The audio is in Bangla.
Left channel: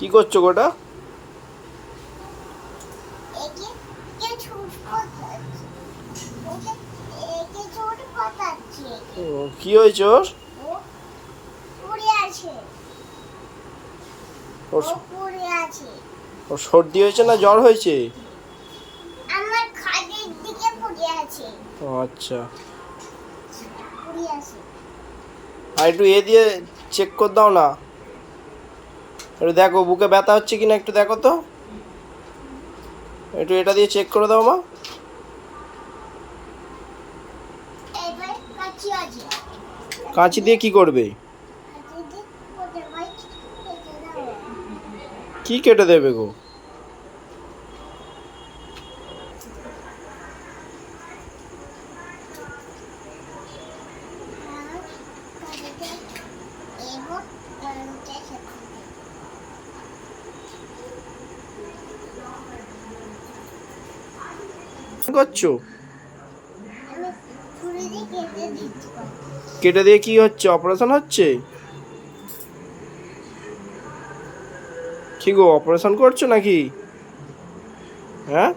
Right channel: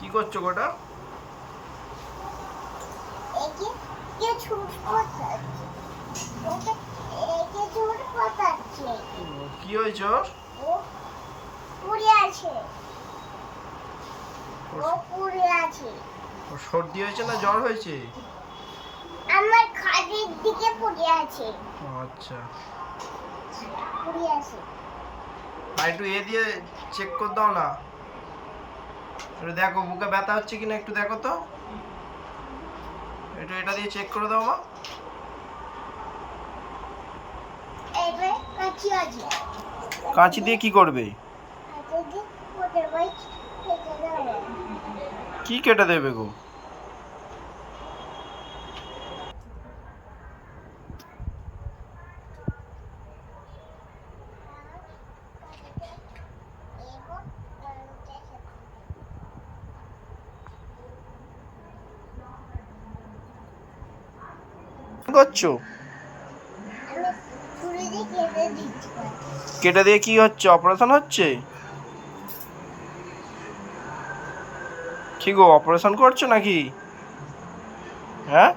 কি করছো গোটা? কি হয়েছে ওর? ওর সর্দি হয়েছে না জ্বর হয়েছে? আমার খাদের দিকে পড়ে আছে। ও আচ্ছা, পড়ে আছে। আর একটু এ দিয়ে চেক করে দাও না। একটু দেখো বুকে ব্যথা হচ্ছে কিনা, একটু দেখো তো, একটু এটা দিয়ে চেক করে দাও মা। এবার কাচি আছে। কাঁচি দিয়ে কি করবে? কাচি দিয়ে কোটে বাইট কেটে দেবো। কি কেটে দেবে গো? কি করছো? আমি ছুরি দিয়ে কেটে দিচ্ছি। কেটে দিয়ে কি হচ্ছে? অপারেশন হচ্ছে? কি গো, অপারেশন করছো নাকি? হ্যাঁ।